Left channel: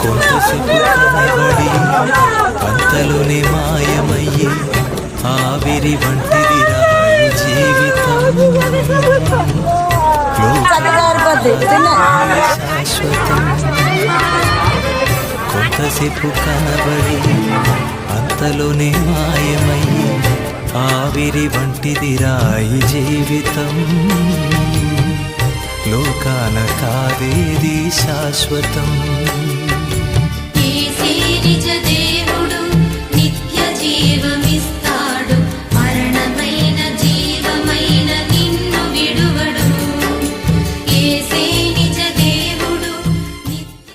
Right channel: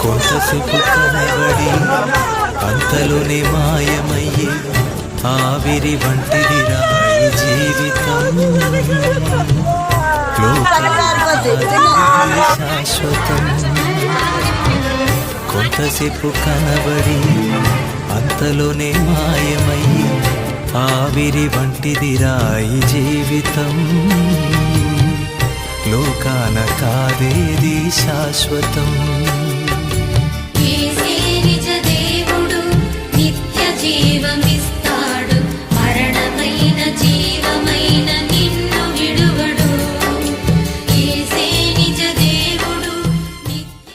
కొంతసేపు కనబడి అంతలోనే మాయమయ్యే ఆవిరి వంటిదిరా ఈ జీవితం. లోకానికి శాశ్వతం. కొంతసేపు కనబడి అంతలోనే మాయమయ్యే ఆవిరి వంటిదిరా ఈ జీవితం. లోకాన కాదేది శాశ్వతం.